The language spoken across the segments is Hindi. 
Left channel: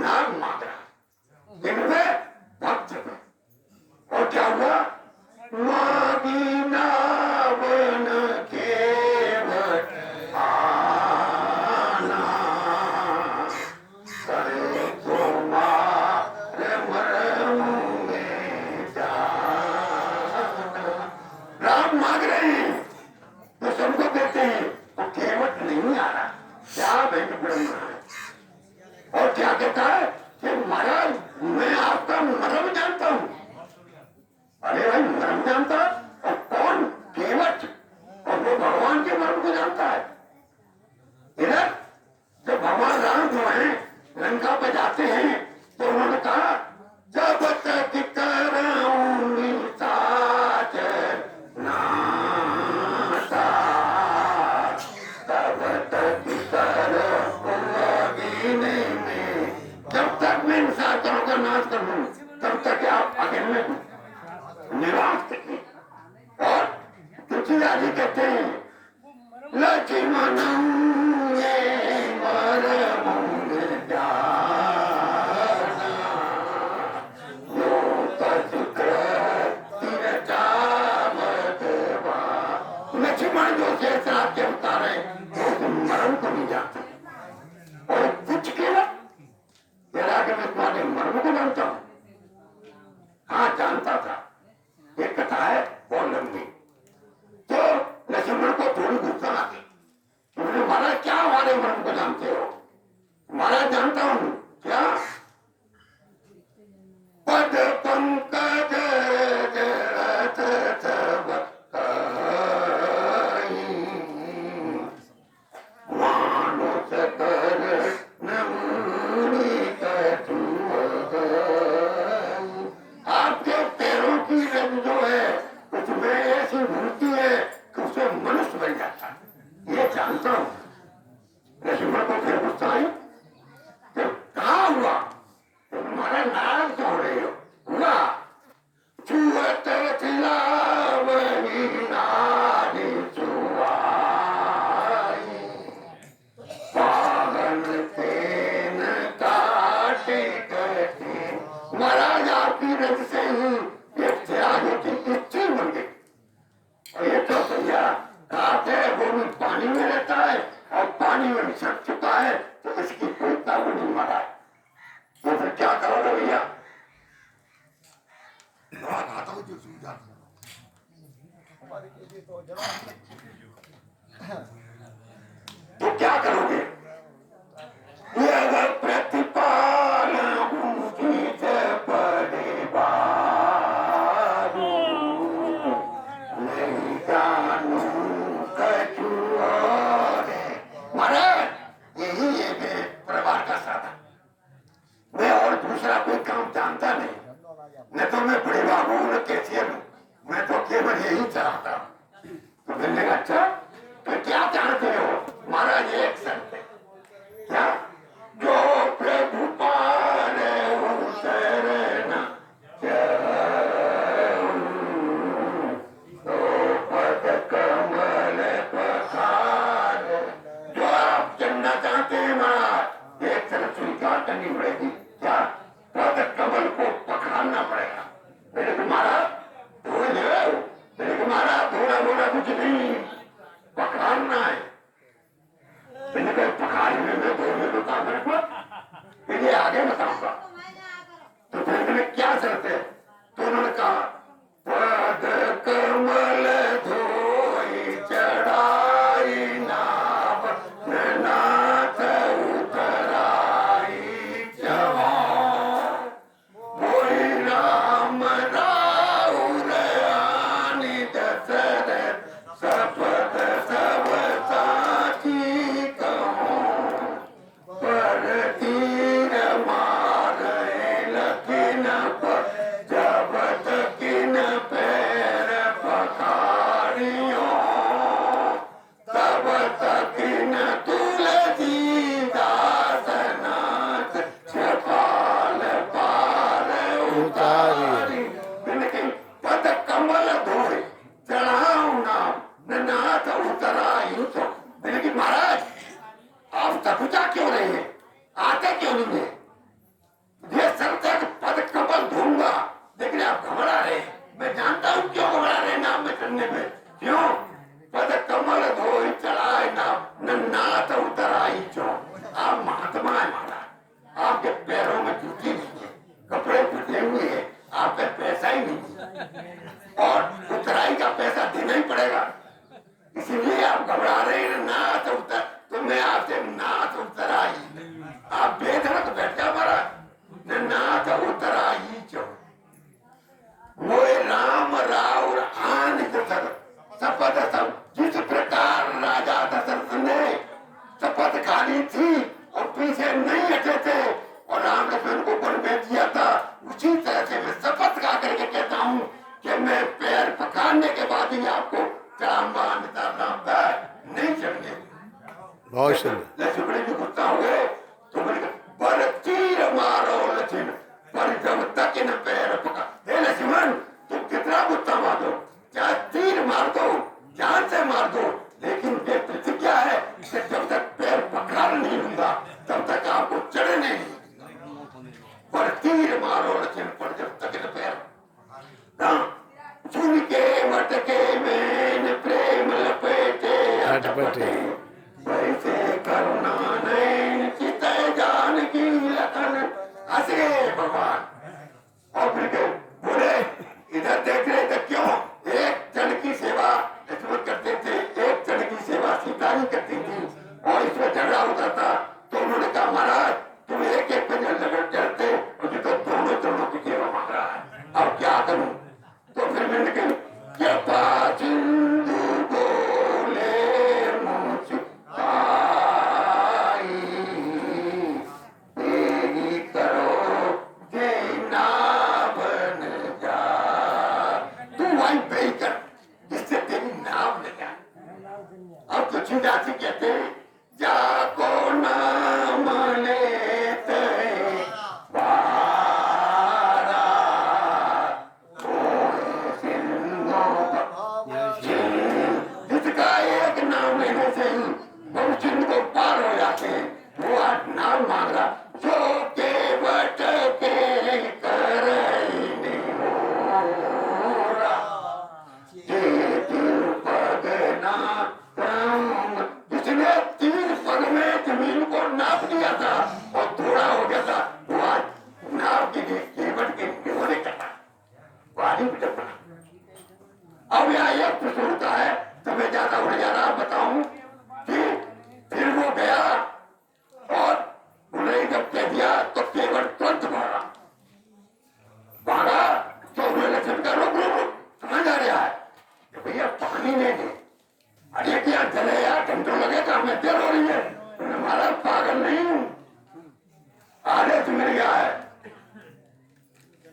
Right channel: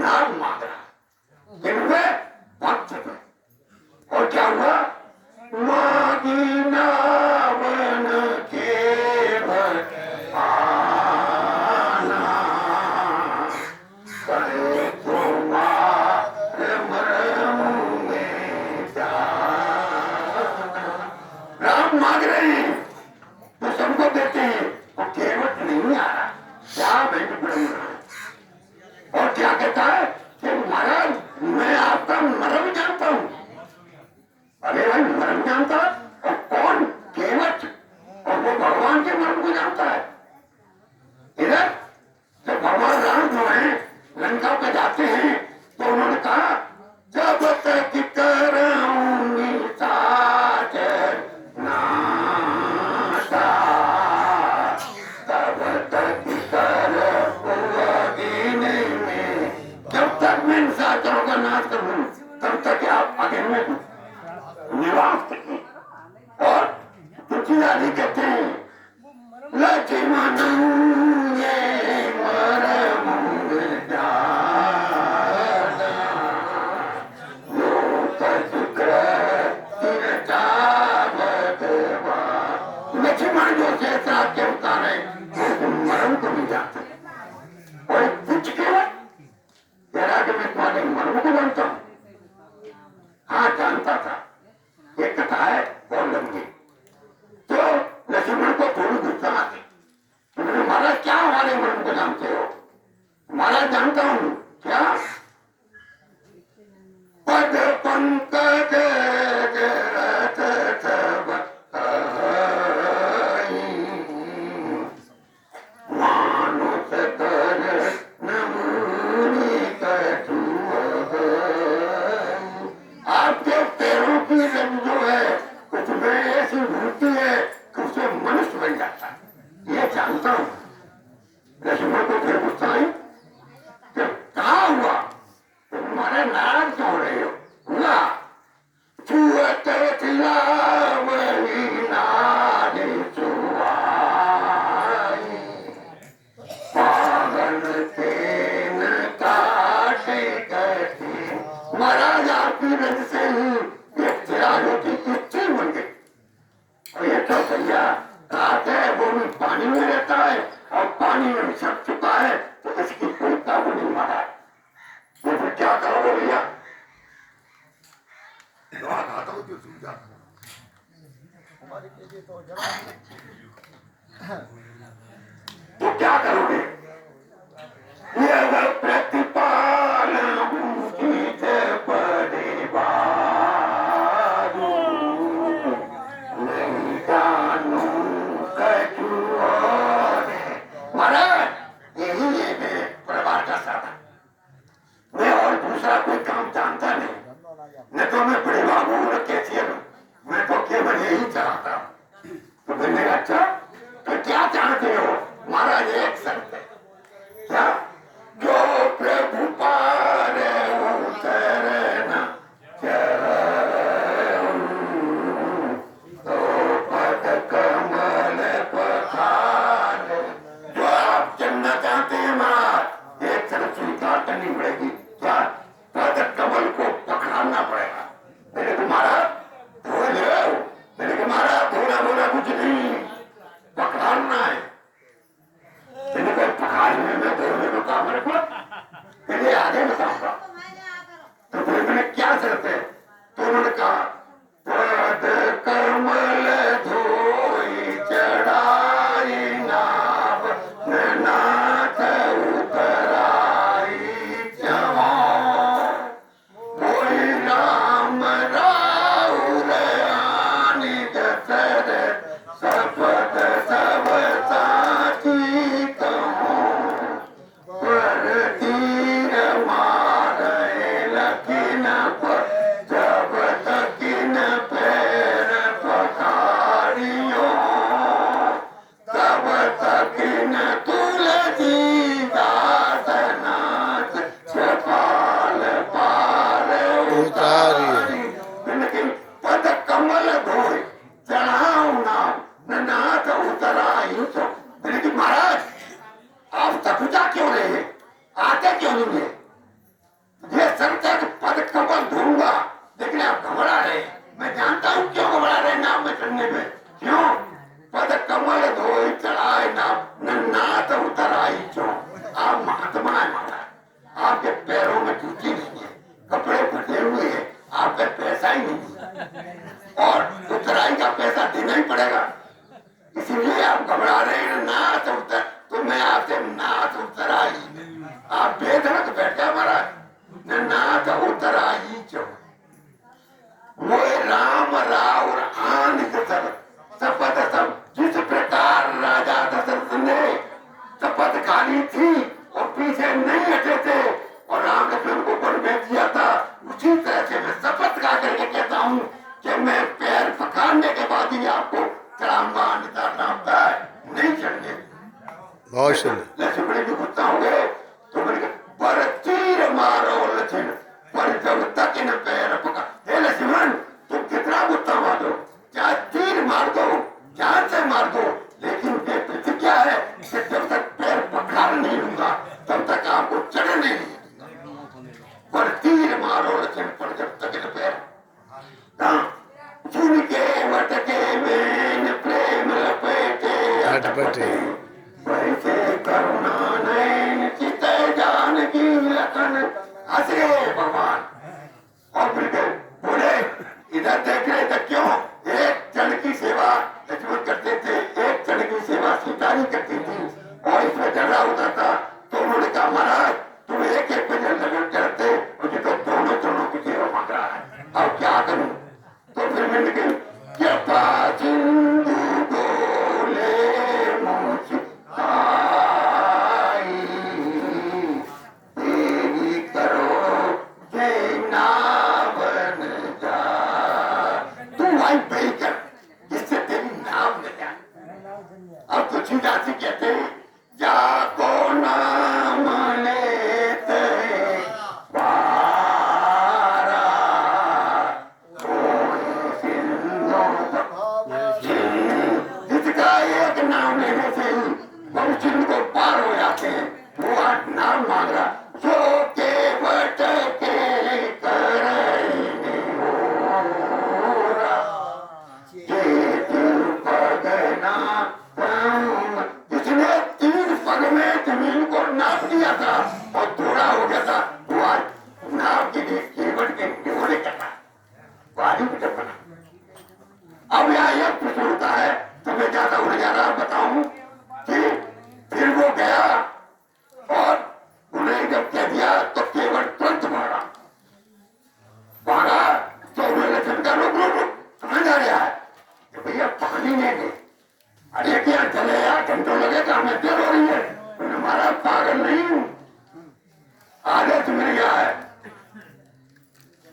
नाम मांग रहा जिनमें भक्त थे। और क्या हुआ? मागी नावन के आना करे तुम्हारे मरम में जाना। राम मांग रहे हैं तो सबको देते हैं, तो केवट नहीं आ रहा। क्या भेंट ब्रह्म है। और क्या कहता है कि महाराज मैं आपका मर्म जानता हूं। अरे भाई मर्म जानता और कौन? केवट। और वो भगवान के मर्म को जानता है। इधर जब भगवान राम जो है लंका पर जाते हैं तो उन्होंने कहा जब तक करूंगी साथ नाता तब तक करोगी नहीं। जब तक मैं इन साधनों का नाश करूं तब तक आप आगे में निवास करिए। और तुलसीदास जी कहते हैं लक्ष्मण लक्ष्मण जो से साथ के उतारे तो मरण को नहीं जाते। और कुछ केवल जरा कि मैं तुम्हारे मर्म को जानता हूं। हाँ जानता था। ये कथा है बहुत लंबी। तो लक्ष्मण को थोड़ी गुस्सा आती। उन्होंने महाराज क्या हमारे मर्म को जानते हो? महाराज जानता हूं। क्या? पद पंकज मानुष कर नमूनी कटु आपके पैरों की रंग जो है उसमें ऐसी मूर्ति है कि उसे मनुष्य बन जाता है। ये जानता हूं। लक्ष्मण को फिर गुस्सा आई कि कहा हुआ तुम्हारे नाराज क्यों हो रहे हो? हुआ छुअत वही नारी छुआई पागल तेन काटे कटे। महाराज आपकी रज से ही एक चिरागे की इच्छी बन गई। और ये तो भैया रात है वो भी पानी में रहता है और पानी में छप चुका है तो इसकी कोई काबू नहीं मारा है। तो फिर क्या करोगे भैया? तो क्या करोगे? ये अगर प्रतिपाल महाराज यही है प्रभार का साधन। मैं और दूसरा कोई काम जानता नहीं। न तो मैं बड़े बाबू न कैसियर हूं। मैं तो केवल यही चाहता हूं। तो मैंने अच्छा तो क्या चाहते हो? महाराज एक शर्त है। क्या? जो प्रभु पार उतरना तो पद कमल पखार। जो आप चलना चाहते हैं महाराज एक शर्त स्वीकार करनी पड़ेगी। क्या? पद कमल को पकड़ना पड़ेगा। मैंने तुम्हारा धो लो। मैंने तुम्हारा धोना धोना कुछ नहीं पकड़ना है। मैंने कहा पकड़ने में धोने को काम रखो इन्हें आगे बताऊंगा। तो फिर मैंने क्या शर्त है? तो उन्होंने कहा पद कमल धोई चढ़ाई नाव नाथ उतराई जवान कोई राम राउर आनी दशरथ सपद सब साथी कहूं पर तीर मारे लखिन पर जब तकिन पैर पखारियो तब तकिन तुलसी दास नाथ छपाल पार उतारी। लेकिन पद कमल धोए चढ़ाओ नाम नाथ उतराई तो। लेकिन महाराज आप तपजा क्यों रहे हैं? आते क्यों नहीं है? ही नहीं और उतराई का पैसा देना ही पड़ेगा। इसीलिए आप घबरा रहे हैं। नाथ उतर तुमने आपसे नाथ उतराई, आप बेधड़क बैठा मरा नाथ उतराई चो वो राम राव आन शपथ सब जिस प्रकार राजा दशरथ ने शपथ खाली थी और पीछे नहीं हटे थे और राम लक्ष्मण को वन में दिया था, उसी तरह से मैं शपथ खा करके कहता हूँ कि मैं पैर पखाड़ने के बाद ही आपको चढ़ाऊंगा, अन्यथा नामदार नहीं चढ़ने। बहुत सुंदर। लक्ष्मण जी गुस्सा हो गए तो बोले पर तीर मारो लक्ष्मण, पर जब तक इन पैर पका। हे लक्ष्मण तुम कितना गुस्सा मारो, चाहे तीर मार दो, जान से मार दो, लेकिन ये प्रतिज्ञा है कि जब तक पैर पखाड़ नहीं लूंगा तब तक आपको चढ़ने नहीं दूंगा। पर तीर मारो लक्ष्मण, पर जब तक इन पैर सुन के मटके में प्रेम लपेटे अटपटे वैसे करुणा नैन चित जानकी लखन हंसे भगवान। और फिर बोले इधर देख रहे थे क्यों, एक जन की सेवा लक्ष्मण करते थे, एक जन की सेवा सीता करती थी और इसमें झगड़ा होता था। तो उन्होंने कहा महाराज तुम एक एक पे झगड़ा करते, मुझे तो दोनों की सेवा मांग रहा है, अब क्या करूं। तो फिर मैंने कही कृपा सिंधु बोले मुझ आई, तेरी करो जय नावन जा। तू वहीं पे कर जिससे तेरी नाम न जाए। और कुछ ही जाति कहते जाको नाम लेते जिसका एक नाम लेने से ही भविष्य को पार हो जाते हैं, वो आज नाम मांग रहा जो के बट के करने पगना जिसने 3 पग में जमीन को नाप दिया था और थोड़ा हो गया था, वो आज नाव के लिए केवट के निगोड़े करना वाली भी बना। अब यहाँ एक प्रश्न होता है, तो मैं ज्यादा उड़ जा रहा बताऊं कि फिर वो गया और उन्हें जब कह दिया तो केवल तुरंत भागा तो उन्होंने लक्ष्मण का रोक रोक कहाँ जा रहा है कि भैया पानी ले ले। अरे क्या चले यार घंटों लगे तो हमें देर हो रही है। हमारा पागल नहीं हूं, आदेश मिल गया है,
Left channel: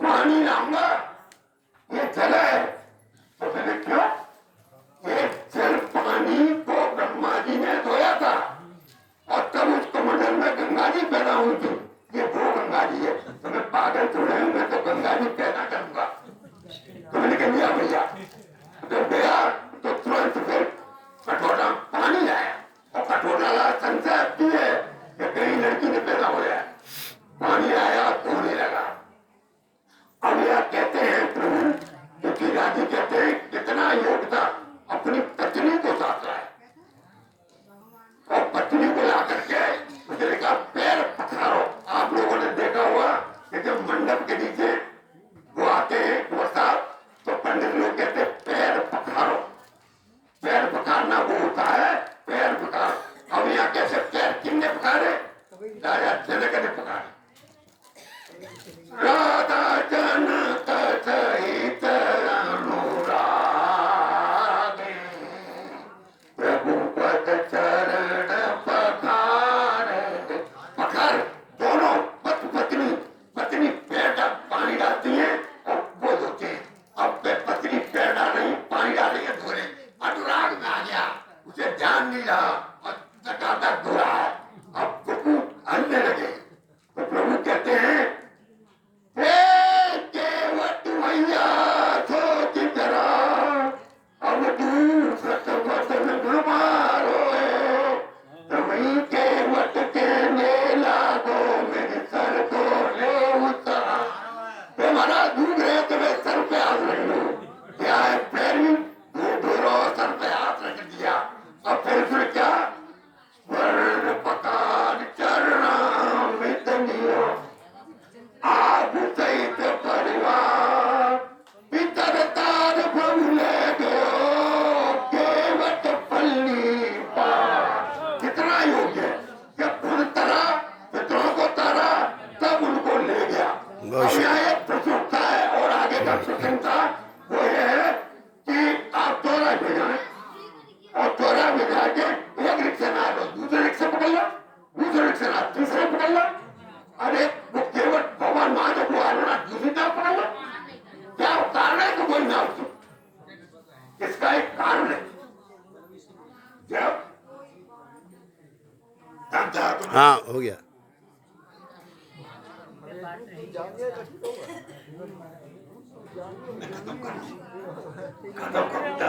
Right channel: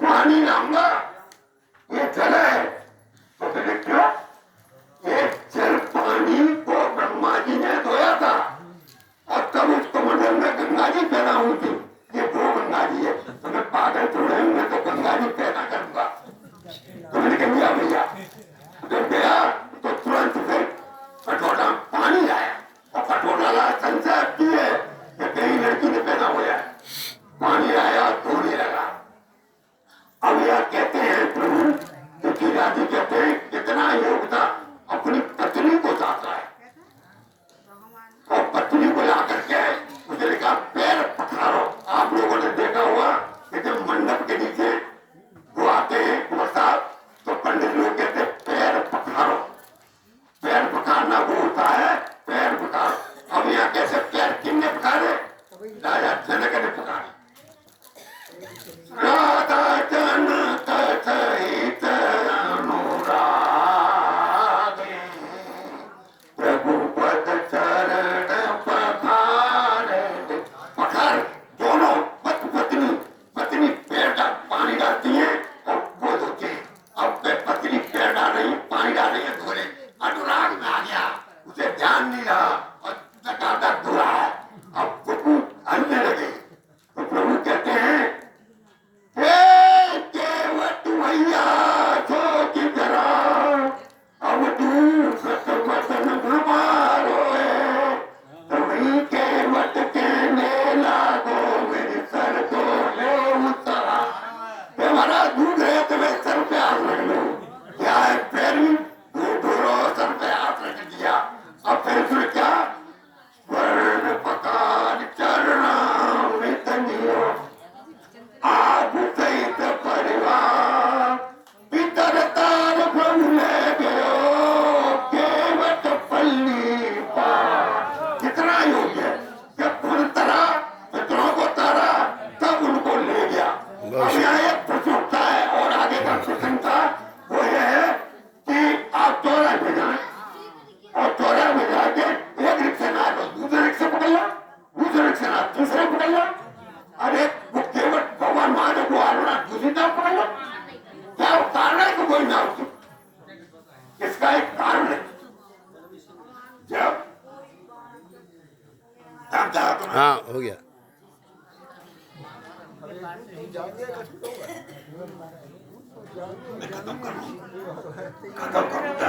पानी लाऊंगा, ये जल है। तो मैंने क्यों, एक जल पानी को ब्रह्मा जी ने धोया था और तब उस कमंडल में गंगा जी पैदा हुई थी, ये वो गंगा जी है। तो मैं पागल थोड़े हूं, मैं तो गंगा जी पैदा करूंगा। तो मैंने कह दिया भैया, जब गया तो तुरंत फिर कटोरा पानी लाया और कटोरा ला संशय की है कि कहीं लड़की ने पैदा हो जाए। पानी आया धोने लगा। अब यह कहते हैं प्रभु क्योंकि राजी कहते हैं कितना योग था, अपनी पत्नी को साथ लाए और पत्नी को ला करके मुझे कहा पैर पखारो। आप लोगों ने देखा हुआ कि जब मंडप के नीचे वो आते हैं बरसात तो पंडित लोग कहते हैं पैर पखारो। पैर पखारना वो होता है पैर पखार। अब यहाँ कैसे पैर किसने पखारे, राजा जनक ने पखारे। राधा जनक सहित अनुरागे प्रभु पद चरण पखारे। पखार दोनों पत्नी पत्नी पैर का पानी डालती है और वो धोती है। अब पत्नी पैर डाल रही पानी डाल रही है धोने, अनुराग में आ गया, उसे ध्यान नहीं रहा और तक धुला है। अब प्रभु हंसने लगे तो प्रभु कहते हैं केवट भैया छोटी जरा अब तू सतमतन घुमारो तभी केवट के मेला दो मेरे सर को ले उतरा। हमारा दूध है तो मैं सर पे हाथ रख लू, क्या है पैरी दूधो सर पे हाथ रख दिया। अब फिर क्या वर्ण पकान चरणा मितनियो आप सहित परिवार मैं खत्म करूं